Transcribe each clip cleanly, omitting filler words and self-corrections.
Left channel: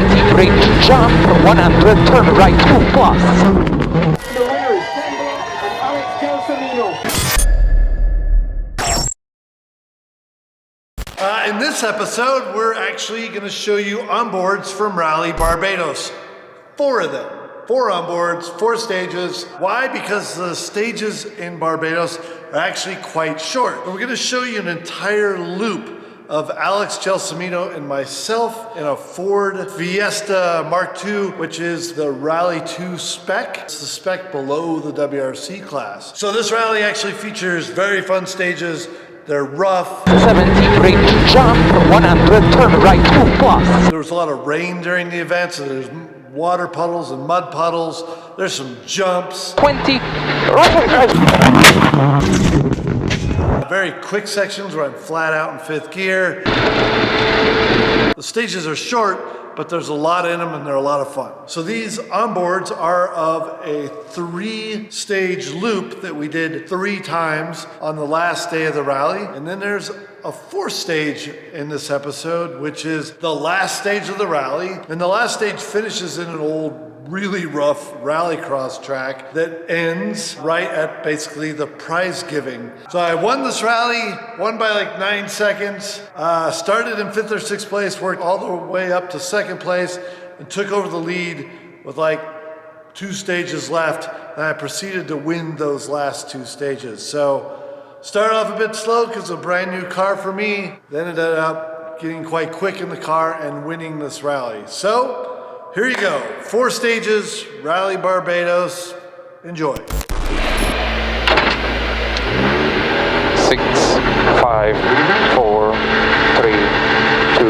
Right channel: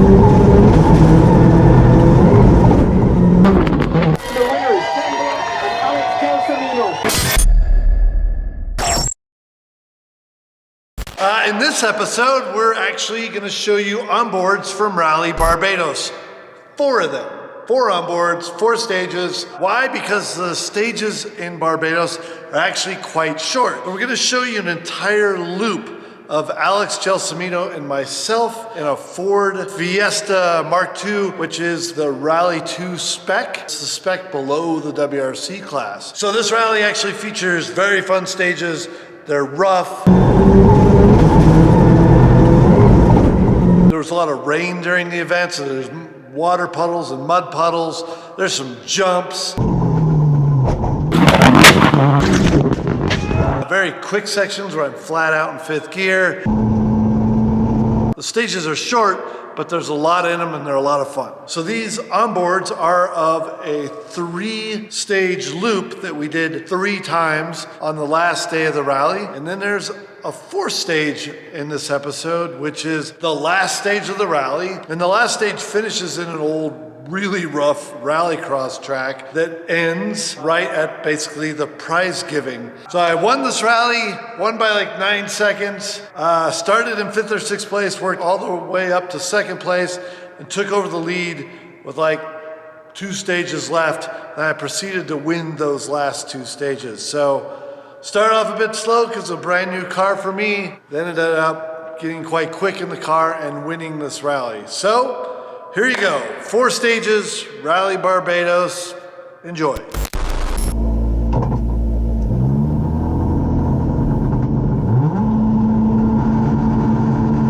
70 bridge, jump, 100, turn right 2 plus. The winner is Alex Gelsomino. In this episode, we're actually going to show you onboards from Rally Barbados. 4 of them. 4 onboards, 4 stages. Why? Because the stages in Barbados are actually quite short. We're going to show you an entire loop of Alex Gelsomino and myself in a Ford Fiesta Mark II, which is the Rally 2 spec. It's the spec below the WRC class. So this rally actually features very fun stages. They're rough. 70 bridge, jump, 100, turn right 2 plus. There was a lot of rain during the event, so there's water puddles and mud puddles. There's some jumps. 20, Very quick sections where I'm flat out in 5th gear. The stages are short, but there's a lot in them and they're a lot of fun. So these onboards are of a 3-stage loop that we did 3 times on the last day of the rally. And then there's a 4th stage in this episode, which is the last stage of the rally. And the last stage finishes in an old, really rough rallycross track that ends right at basically the prize giving. So I won this rally, won by like 9 seconds, started in 5th or 6th place, worked all the way up to 2nd place, and took over the lead with like 2 stages left, and I proceeded to win those last 2 stages. So started off a bit slow because a brand new car for me, then ended up getting quite quick in the car and winning this rally. So here you go, 4 stages, Rally Barbados. Enjoy. 6, 5, 4, 3, 2,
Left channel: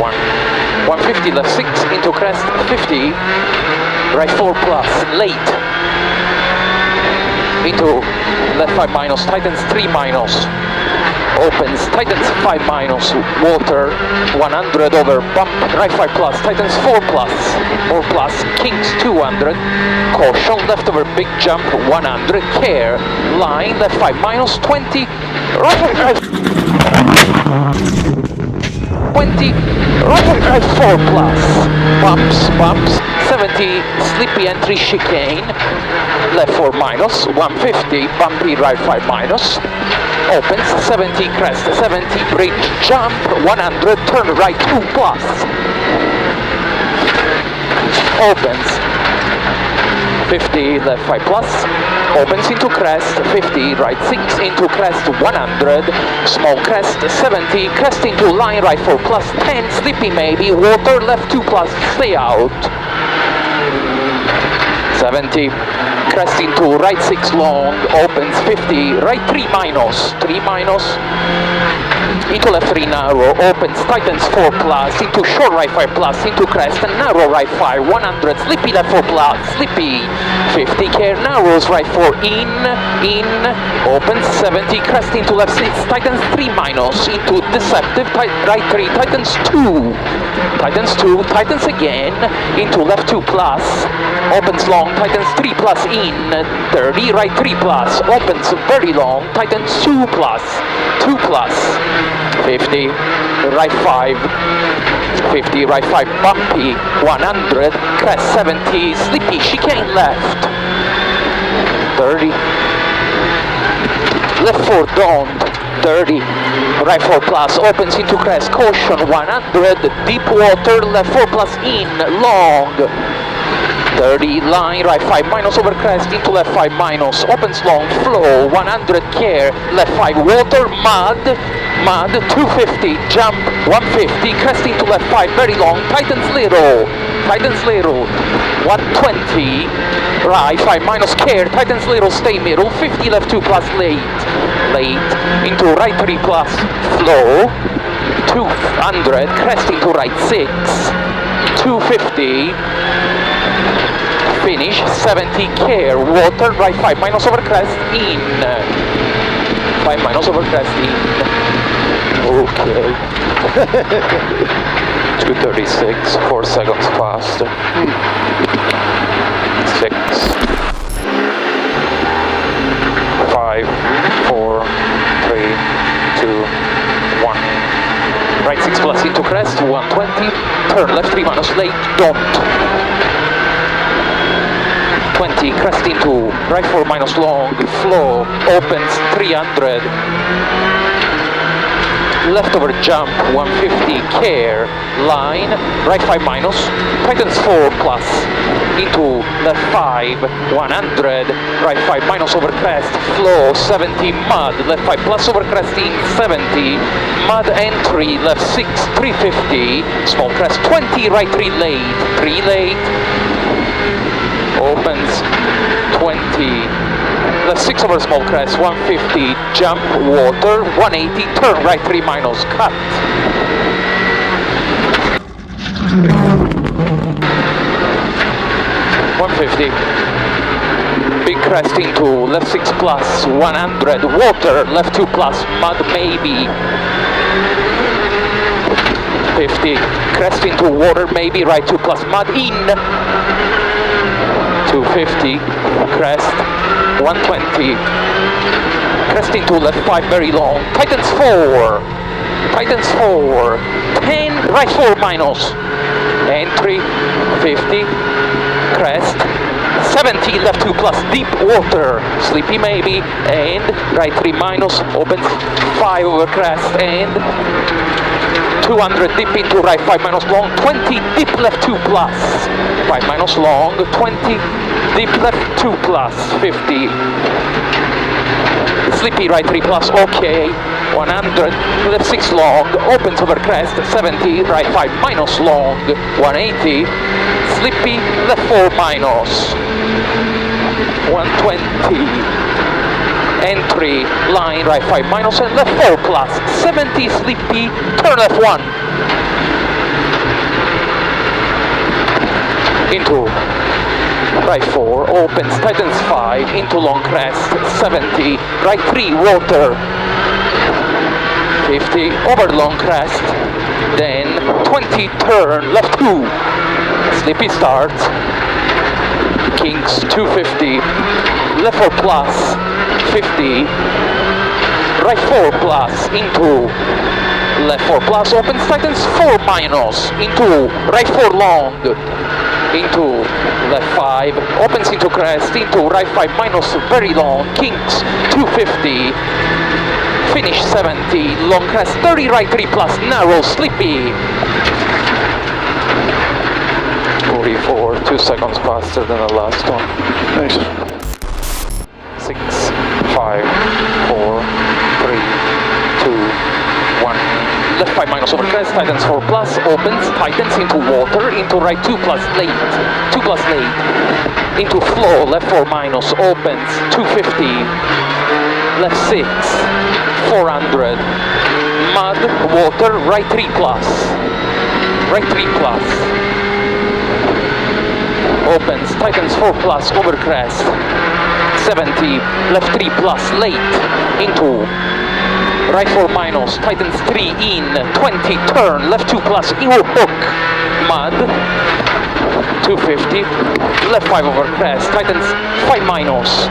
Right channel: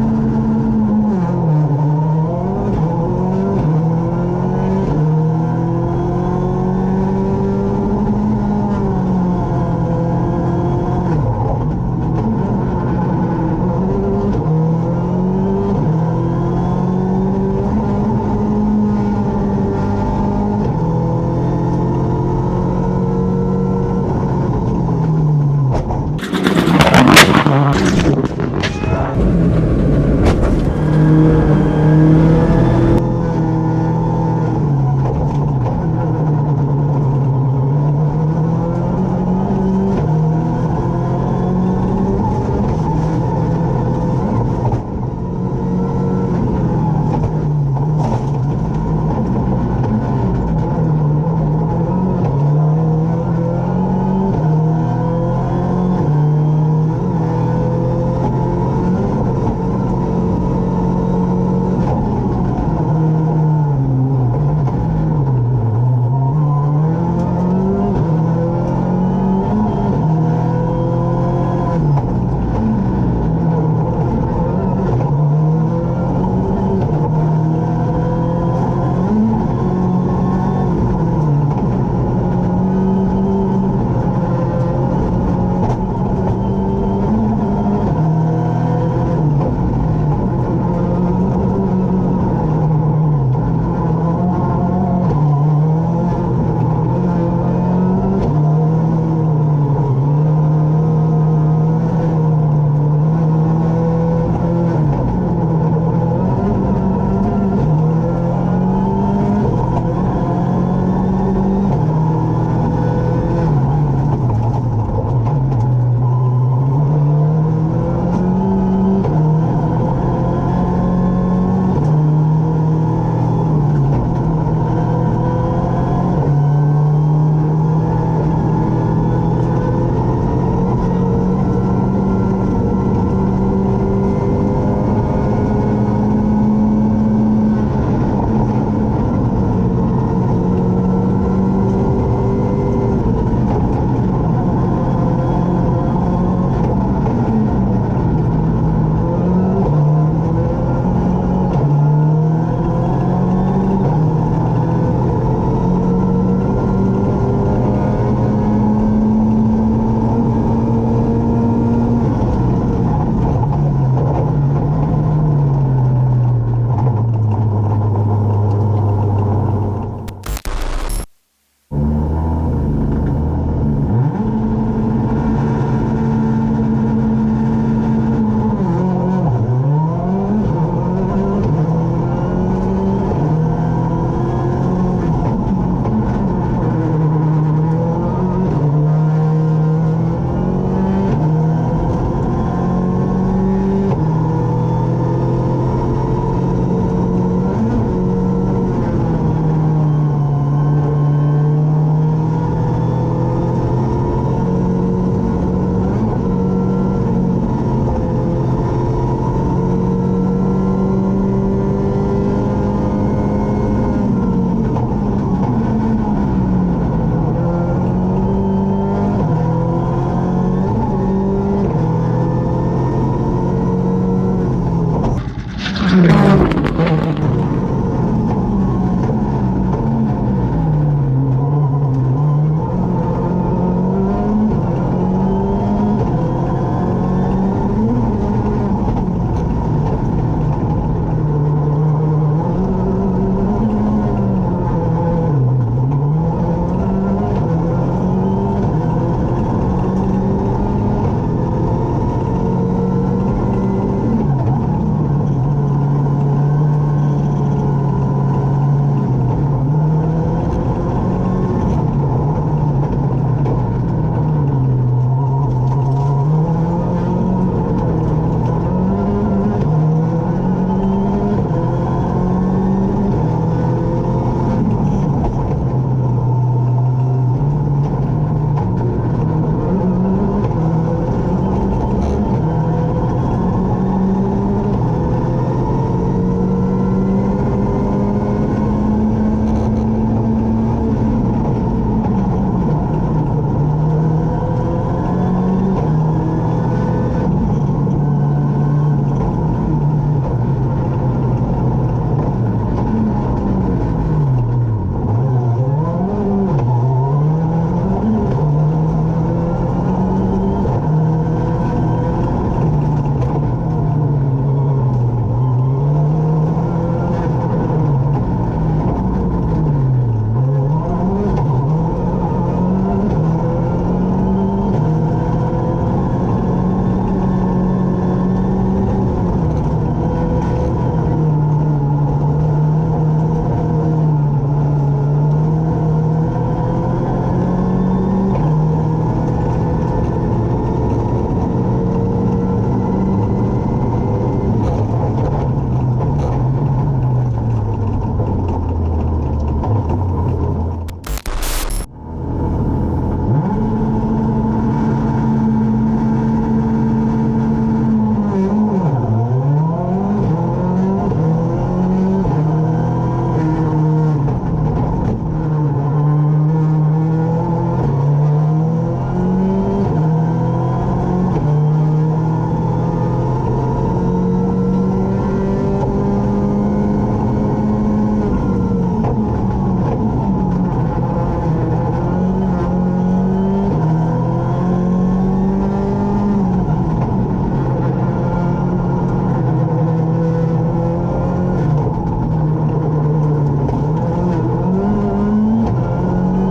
1. 150 left 6 into crest, 50, right 4 plus, late. Into left 5 minus, tightens 3 minus. Opens, tightens 5 minus, water, 100 over, bump, right 5 plus, tightens 4 plus, 4 plus, kings 200, caution, left over, big jump, 100, care, line, left 5 minus, 20, right 20, right 4 plus, bumps, 70, slippy entry chicane, left 4 minus, 150, bumpy right 5 minus, opens, 70 crest, 70 bridge, jump, 100, turn right 2 plus, opens, 50 left 5 plus, opens into crest, 50 right 6 into crest, 100, small crest, 70, crest into line right 4 plus, 10, slippy maybe, water left 2 plus, stay out, 70, crest into right 6 long, opens 50, right 3 minus, into left 3 narrow, opens, tightens 4 plus, into short right 5 plus, into crest, and narrow right 5, 100, slippy left 4 plus, slippy, 50, care, narrows right 4, in, opens 70, crest into left 6, tightens 3 minus, into deceptive, right 3, tightens 2, tightens again, into left 2 plus, opens long, tightens 3 plus in, 30, right 3 plus, opens very long, tightens 2 plus, 50, right 5, 50, right 5, bumpy, 100, crest 70, slippy, chicane left, 30, left 4 don't, 30, right 4 plus, opens into crest, caution, 100, deep water, left 4 plus in, long, 30, line, right 5 minus over crest, into left 5 minus, opens long, flow, 100, care, left 5, water, mud, 250, jump, 150, crest into left 5, very long, tightens little, 120, right 5 minus, care, tightens little, stay middle, 50, left 2 plus, late, into right 3 plus, flow, 200, crest into right 6, 250, finish, 70, care, water, right 5 minus over crest, in, 5 minus over crest, in, okay, 236, 4 seconds faster, 6, 5, 4, 3, 2, 1. right 6 plus into crest, 120, turn left 3 minus late, don't. 20, crest into right 4 minus long, flow, opens 300, left over jump 150, care, line, right 5 minus, tightens 4 plus, into left 5, 100, right 5 minus over crest, flow 70, mud, left 5 plus over crest in 70, mud entry, left 6, 350, small crest 20, right 3 late, opens 20, left 6 over small crest, 150, jump, water, 180, turn right 3 minus, cut. 150, big crest into left 6 plus, 100, water, left 2 plus, mud maybe. 50, crest into water maybe, right 2 plus, mud in. 250, crest, 120, crest into left 5 very long, tightens 4, 10, right 4 minus, entry, 50, crest, 70, left 2 plus, deep water, sleepy maybe, and right 3 minus, opens 5 over crest, and 200, deep into right 5 minus long, 20, deep left 2 plus, 5 minus long, 20, deep left 2 plus, 50, sleepy right 3 plus, okay, 100, left 6 long, opens over crest, 70, right 5 minus long, 180, sleepy, left 4 minus, 120, entry, line, right 5 minus, and left 4 plus, 70, sleepy, turn left 1, into right 4, opens, tightens 5, into long crest, 70, right 3, water, 50, over long crest, then 20, turn, left 2, sleepy start, kings, 250, left 4 plus, 50, right 4 plus, into left 4 plus, opens, tightens 4 minus, into right 4 long, into left 5, opens into crest, into right 5 minus, very long, kings, 250, finish 70, long crest, 30, right 3 plus, narrow, sleepy, 44, 2 seconds faster than the last one. Thanks. 6, 5, 4, 3, 2, 1. Left 5 minus over crest, tightens 4 plus, opens, tightens into water, into right 2 plus late, 2 plus late, into flow, left 4 minus, opens, 250, left 6, 400, mud, water, right 3 plus, right 3 plus, opens, tightens 4 plus, over crest, 70, left 3 plus, late, into right 4 minus, tightens 3 in, 20, turn, left 2 plus, ear hook, mud, 250, left 5 over crest, tightens 5 minus,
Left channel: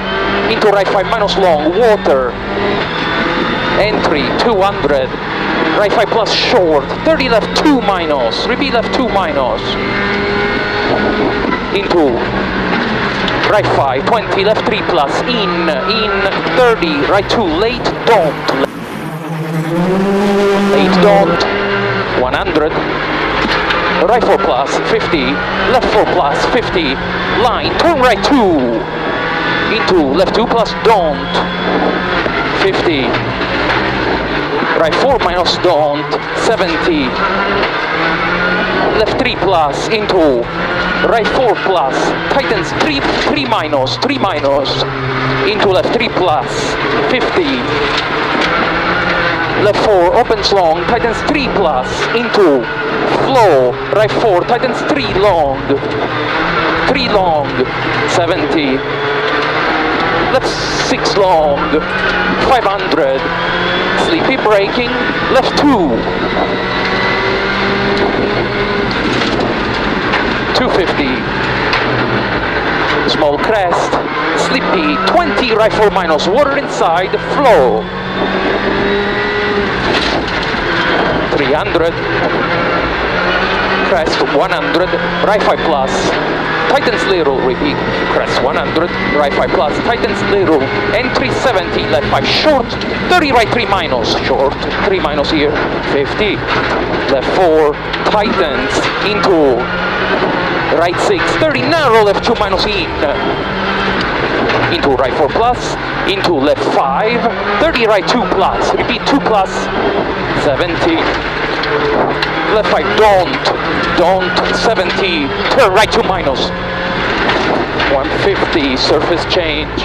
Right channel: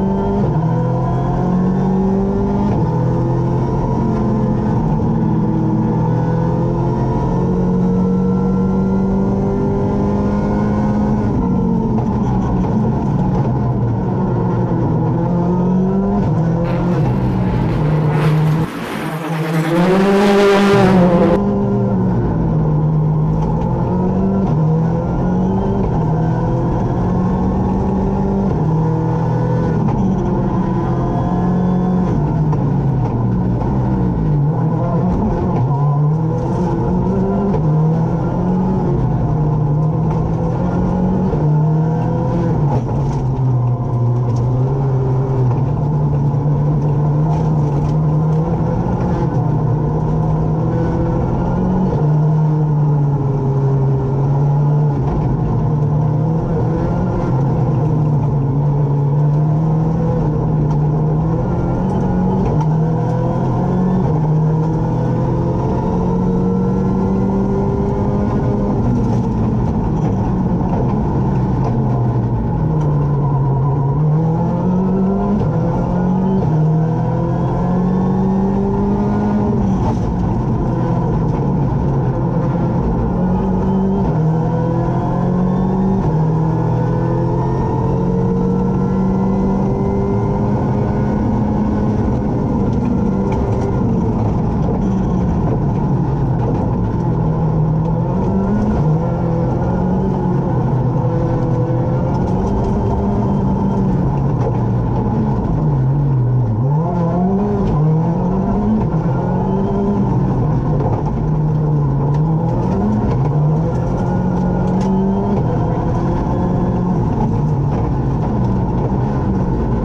into right 5 minus long, water, entry, 200, right 5 plus short, 30 left 2 minus, repeat left 2 minus, into right 5, 20, left 3 plus, in, 30, right 2, late, don't, 8 don't, 100, right 4 plus, 50, left 4 plus, 50, line, turn right 2, into left 2 plus, don't, 50, right 4 minus, don't, 70, left 3 plus, into right 4 plus, tightens 3 minus, into left 3 plus, 50, left 4, opens long, tightens 3 plus, into flow, right 4, tightens 3 long, 70, left 6 long, 500, sleepy braking, left 2, 250, small crest, sleepy, 20, right 4 minus, water inside, flow, 300, crest 100, right 5 plus, tightens little, repeat, crest 100, right 5 plus, tightens little, entry 70, left 5 short, 30 right 3 minus, short, 3 minus here, 50, left 4, tightens into right 6, 30 narrow, left 2 minus in, into right 4 plus, into left 5, 30 right 2 plus, repeat 2 plus, 70, left 5 don't, 70, turn right 2 minus, 150, surface change,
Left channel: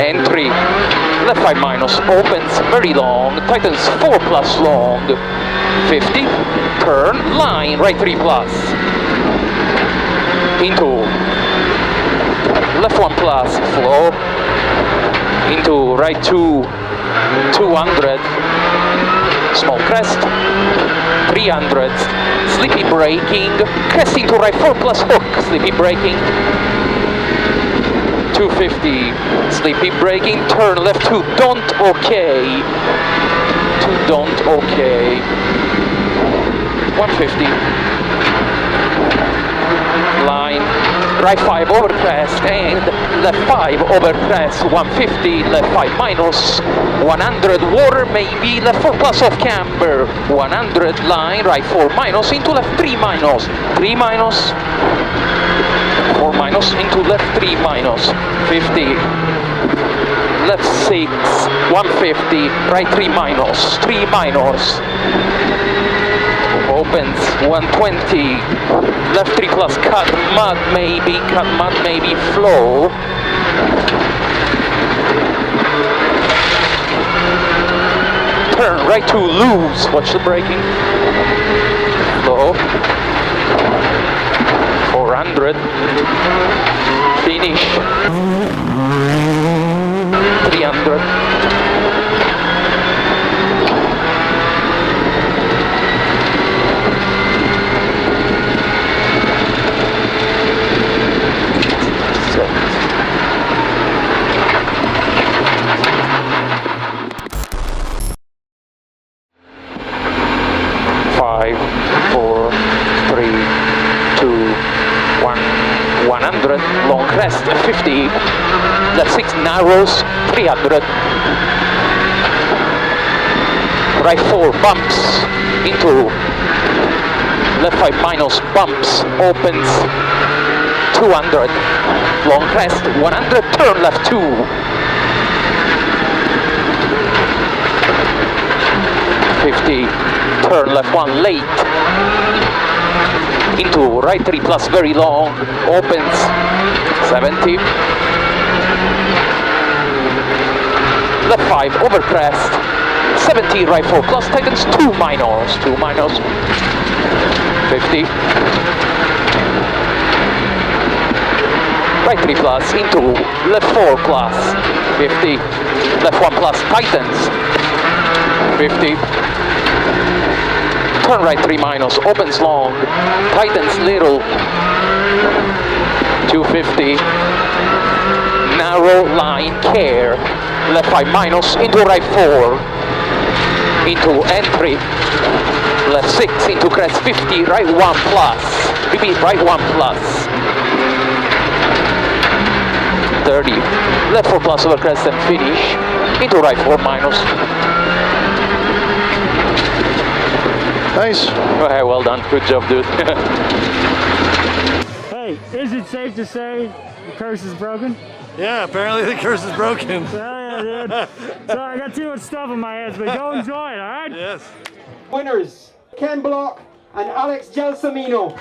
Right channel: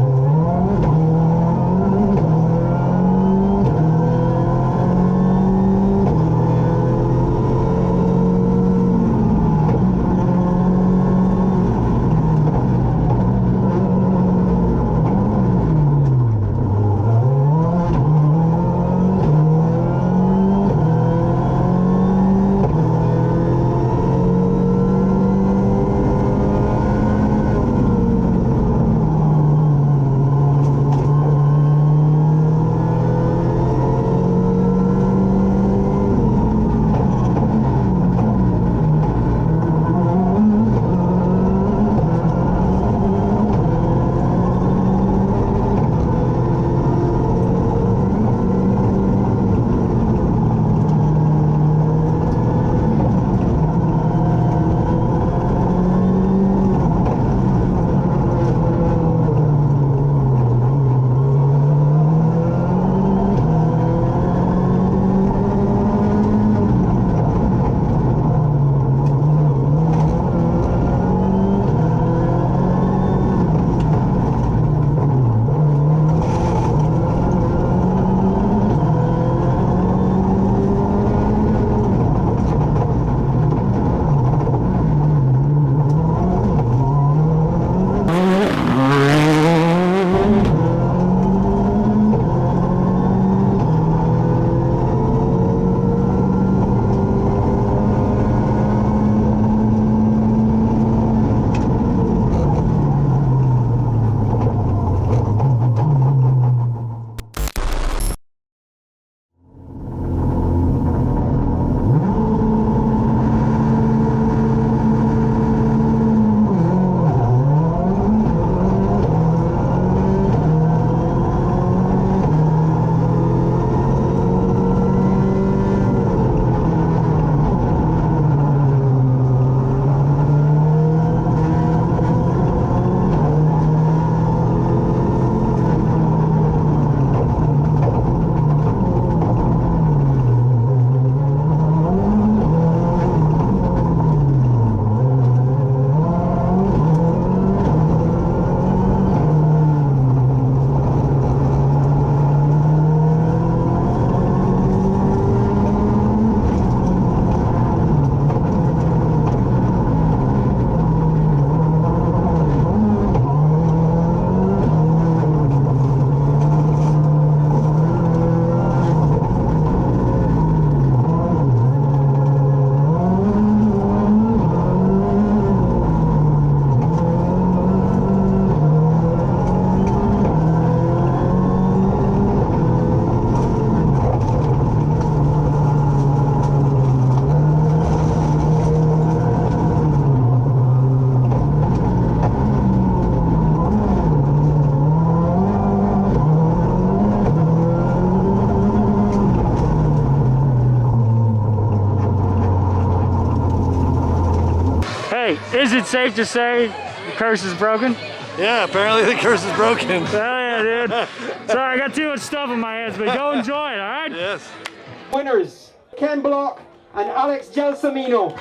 entry, left 5 minus, opens very long, tightens 4 plus long, 50, turn, line, right 3 plus, into left 1 plus, flow, into right 2, 200, small crest, 300, slippy braking, crest into right 4 plus hook, slippy braking, 250, slippy braking, turn left 2, don't okay, 2 don't okay, 150, line, right 5 over crest and left 5 over crest, 150, left 5 minus, 100 water maybe, left 4 plus off camber, 100 line, right 4 minus, into left 3 minus, 3 minus, 4 minus, into left 3 minus, 50, left 6, 150, right 3 minus, 3 minus, opens 120, left 3 plus, cut mud maybe, flow, turn right 2 loose, watch the braking, flow, 400, finish, 300, long crest, 50, left 6 narrows, 300, right 4 bumps, into left 5 minus, bumps, opens, 200, long crest, 100, turn left 2, 50, turn left 1 late, into right 3 plus very long, opens, 70, left 5 over crest, 70 right 4 plus, tightens 2 minus, 50, right 3 plus, into left 4 plus, 50, left 1 plus, tightens, 50, turn right 3 minus, opens long, tightens little, 250, narrow line, care, left 5 minus, into right 4, into entry, left 6, into crest 50, right 1 plus, repeat, right 1 plus, 30, left 4 plus over crest and finish, into right 4 minus. Nice. Okay, well done. Good job, dude. Hey, is it safe to say the curse is broken? Yeah, apparently the curse is broken. Hell yeah, dude. Sorry, I got too much stuff in my head, but go enjoy it, all right? Yes. Winners, Ken Block and Alex Gelsomino.